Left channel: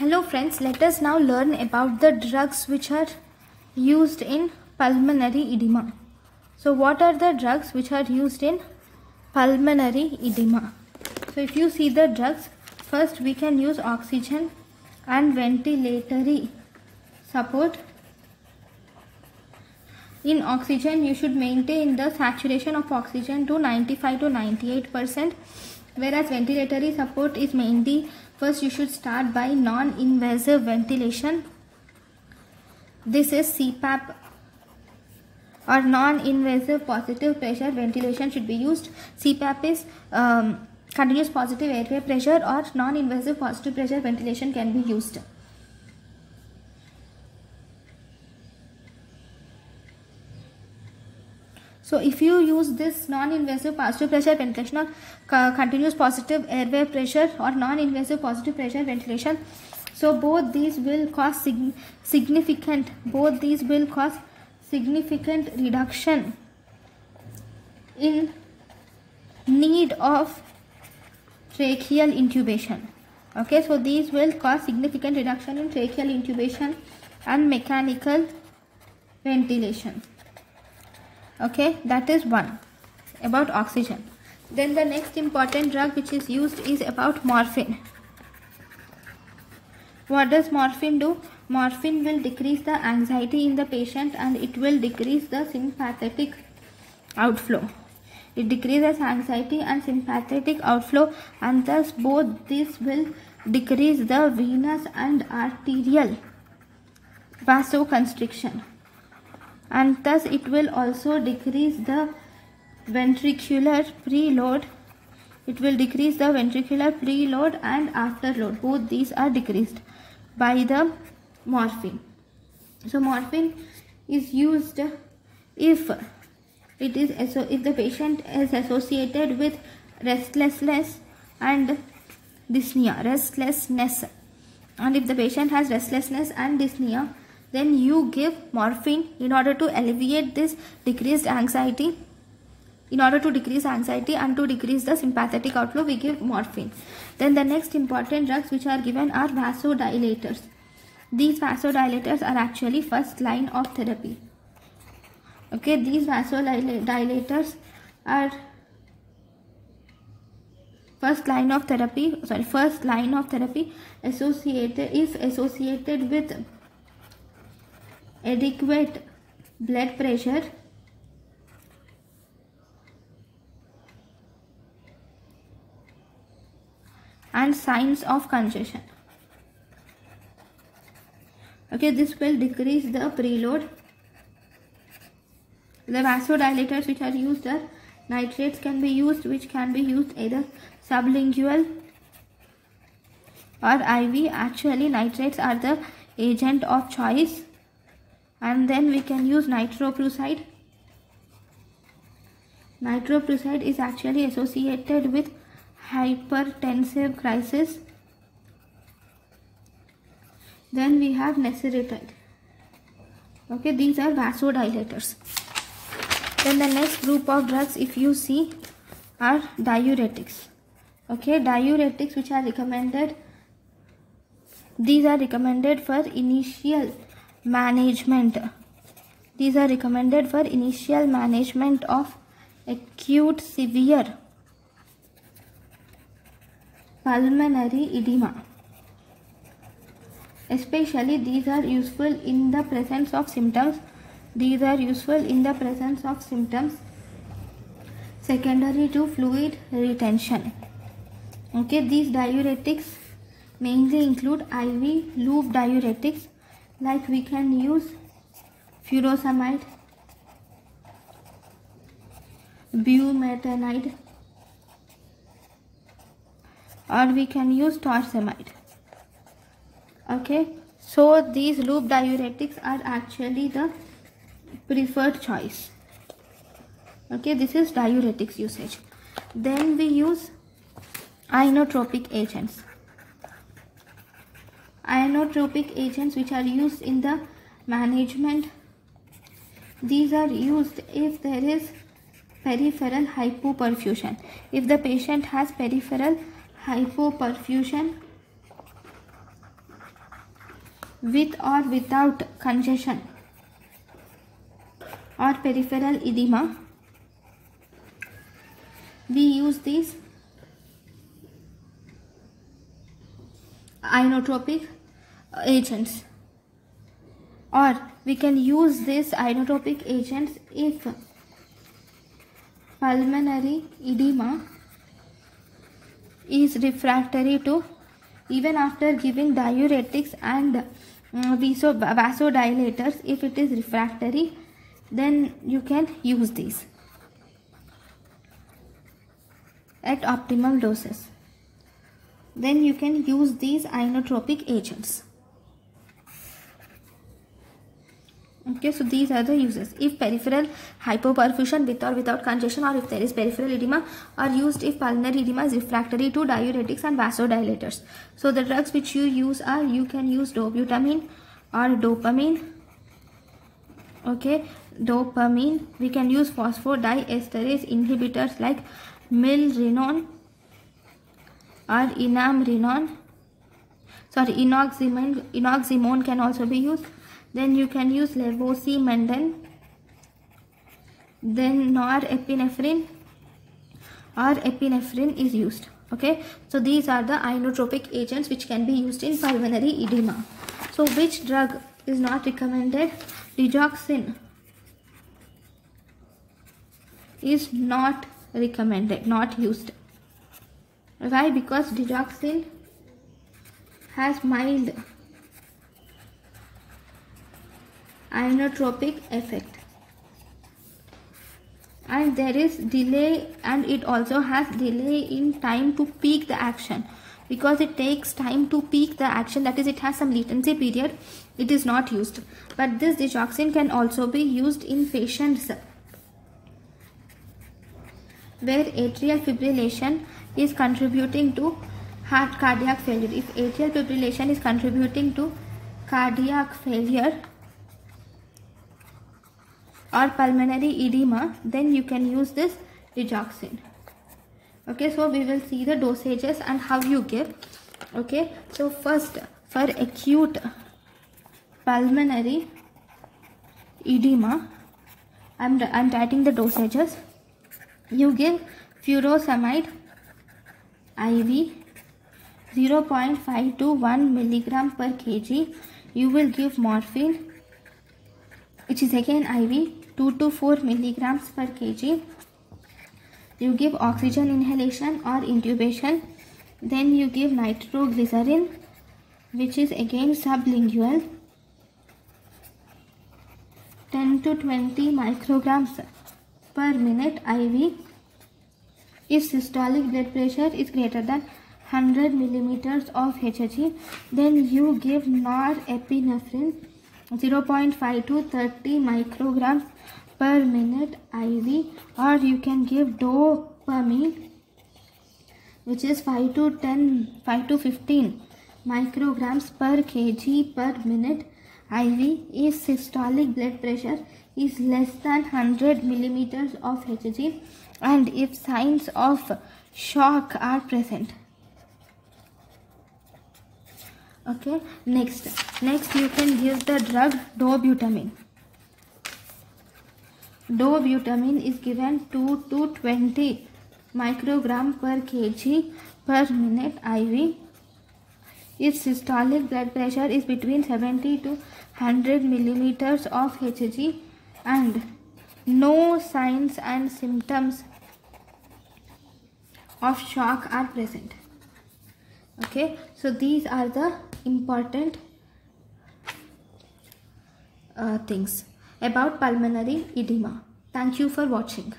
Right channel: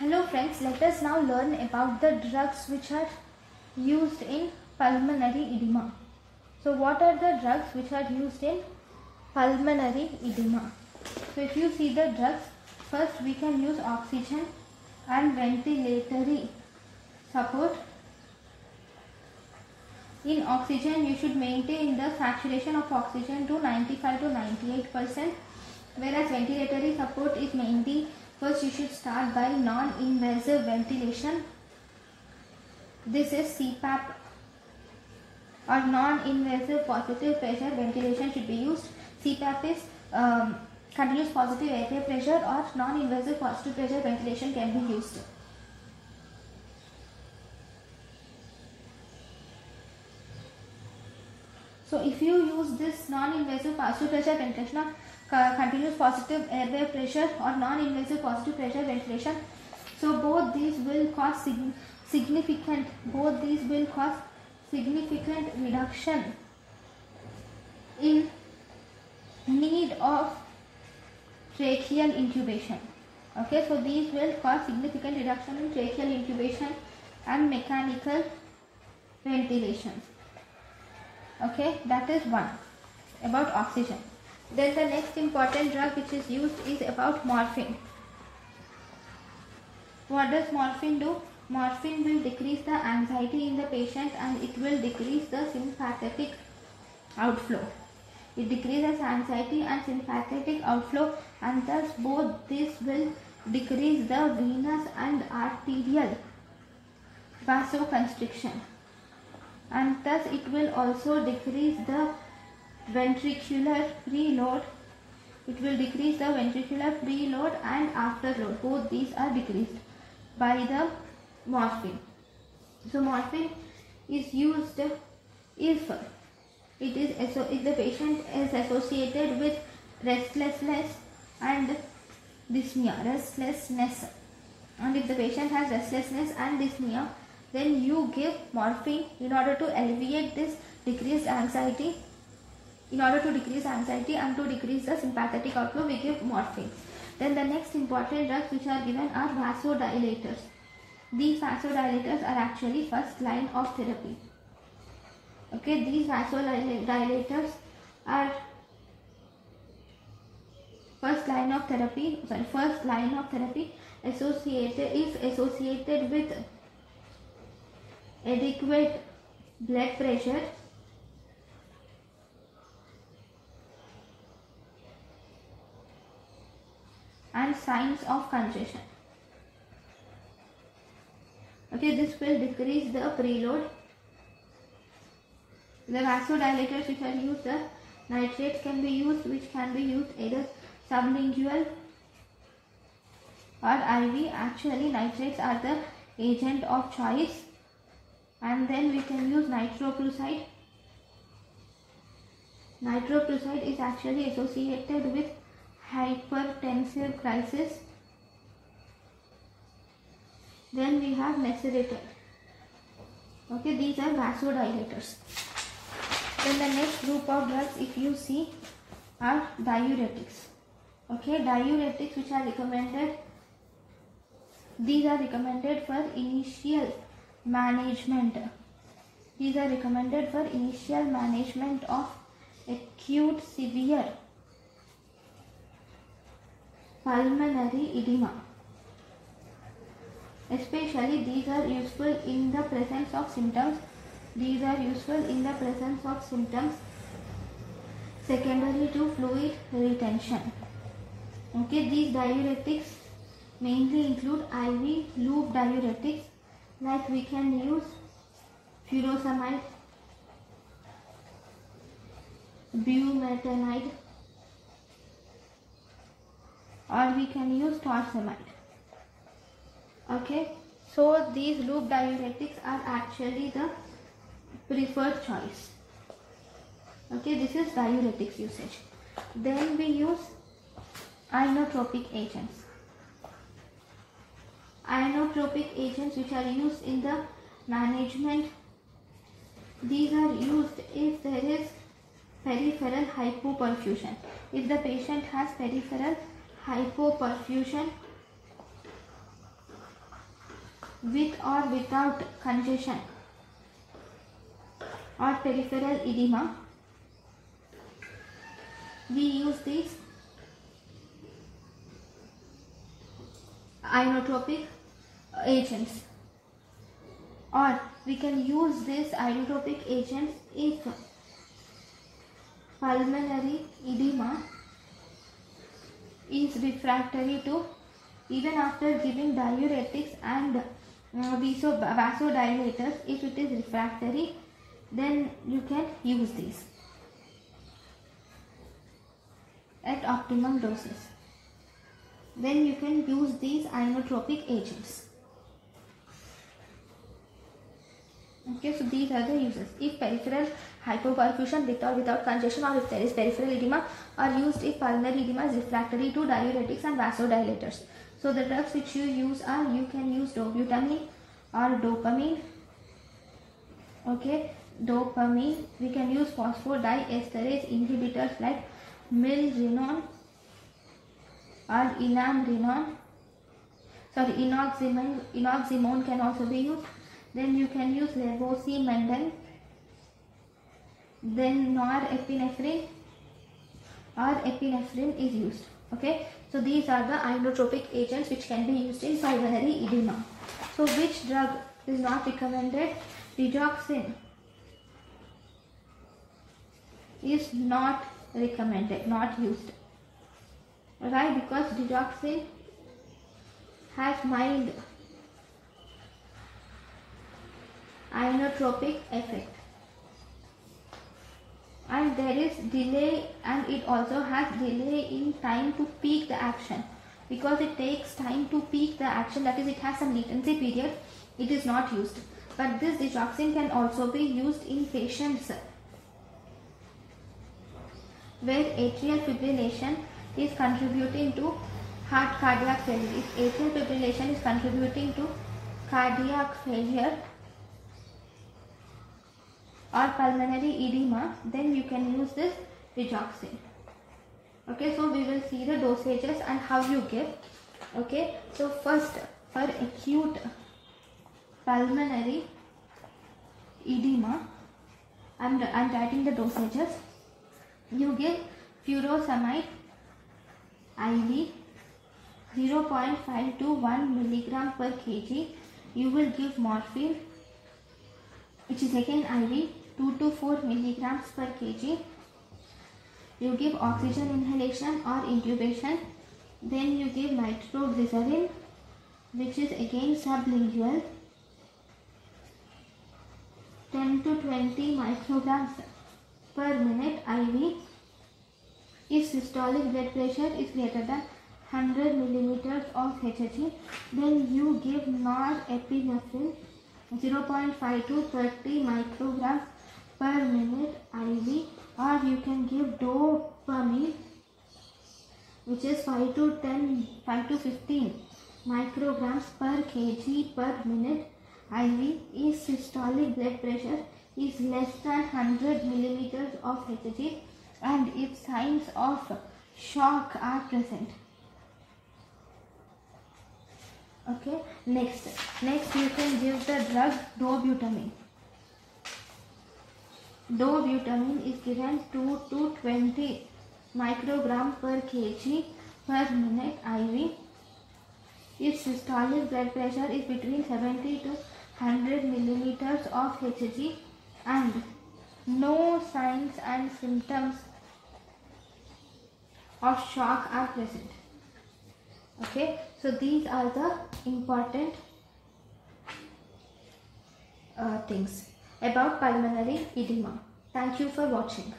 Hello friends, let us now learn about the drugs which are used in pulmonary edema. So what are the drugs which are used in pulmonary edema? So if you see the drugs, first we can use oxygen and ventilatory support. In oxygen, you should maintain the saturation of oxygen to 95 to 98%, whereas ventilatory support is mainly, first you should start by non-invasive ventilation. This is CPAP or non-invasive positive pressure ventilation should be used. CPAP is continuous positive airway pressure, or non-invasive positive pressure ventilation can be used. So if you use this non-invasive positive pressure ventilation or continuous positive airway pressure or non-invasive positive pressure ventilation, so both these will cause significant reduction in need of tracheal intubation. Okay, so these will cause significant reduction in tracheal intubation and mechanical ventilation. Okay, that is one about oxygen. Then the next important drug which is used is about morphine. What does morphine do? Morphine will decrease the anxiety in the patient and it will decrease the sympathetic outflow. It decreases anxiety and sympathetic outflow, and thus both these will decrease the venous and arterial vasoconstriction. And thus it will also decrease the ventricular preload. It will decrease the ventricular preload and afterload. Both these are decreased by the morphine. So morphine is used if the patient is associated with restlessness and dyspnea. And if the patient has restlessness and dyspnea, then you give morphine in order to alleviate this decreased anxiety. In order to decrease anxiety and to decrease the sympathetic outflow, we give morphine. Then the next important drugs which are given are vasodilators. These vasodilators are actually first line of therapy. Okay, these vasodilators are first line of therapy associated with adequate blood pressure and signs of congestion. Okay, this will decrease the preload. The vasodilators which are used are nitrates can be used, which can be used either sublingual or IV. Actually, nitrates are the agent of choice. And then we can use nitroprusside. Nitroprusside is actually associated with hypertensive crisis. Then we have nesiritide. Okay, these are vasodilators. Then the next group of drugs, if you see, are diuretics. Okay, diuretics which are recommended. These are recommended for initial management. These are recommended for initial management of acute severe pulmonary edema. Especially these are useful in the presence of symptoms. Secondary to fluid retention. Okay, these diuretics mainly include IV loop diuretics, like we can use furosemide, bumetanide, or we can use torsemide. Okay, so these loop diuretics are actually the preferred choice. Okay, this is diuretics usage. Then we use inotropic agents. Inotropic agents which are used in the management. These are used if there is peripheral hypoperfusion. If the patient has peripheral hypoperfusion, with or without congestion or peripheral edema, we use these inotropic agents, or we can use these inotropic agents if pulmonary edema is refractory to, even after giving diuretics and vasodilators, if it is refractory, then you can use these at optimal doses. Then you can use these inotropic agents. Okay, so these are the uses. If peripheral hypoperfusion with or without congestion, or if there is peripheral edema, are used if pulmonary edema is refractory to diuretics and vasodilators. So the drugs which you use are, you can use dobutamine or dopamine. Okay, dopamine. We can use phosphodiesterase inhibitors like milrinone or enamrinone. Sorry, inoximone can also be used. Then you can use levosimendan, then norepinephrine or epinephrine is used. Okay, so these are the inotropic agents which can be used in pulmonary edema. So which drug is not recommended? Digoxin is not recommended, not used. Why? Because digoxin has mild inotropic effect, and there is delay, and it also has delay in time to peak the action, because it takes time to peak the action, that is, it has some latency period. It is not used. But this digoxin can also be used in patients where atrial fibrillation is contributing to cardiac failure. If atrial fibrillation is contributing to cardiac failure or pulmonary edema, then you can use this digoxin. Okay, so we will see the dosages and how you give. Okay, so first, for acute pulmonary edema, I'm writing the dosages. You give furosemide IV 0.5 to 1 milligram per kg. You will give morphine, which is again IV, 2 to 4 milligrams per kg. You give oxygen inhalation or intubation. Then you give nitroglycerin, which is again sublingual, 10 to 20 micrograms per minute IV. If systolic blood pressure is greater than 100 millimeters of Hg, then you give norepinephrine 0.5 to 30 micrograms per minute IV, or you can give dopamine, which is 5 to 15 micrograms per kg per minute IV if systolic blood pressure is less than 100 millimeters of Hg and if signs of shock are present. Okay, next you can give the drug dobutamine. Dobutamine is given 2 to 20 microgram per kg per minute IV if systolic blood pressure is between 70 to 100 millimeters of Hg and no signs and symptoms of shock are present. Okay, so these are the important things about pulmonary edema. Thank you for watching.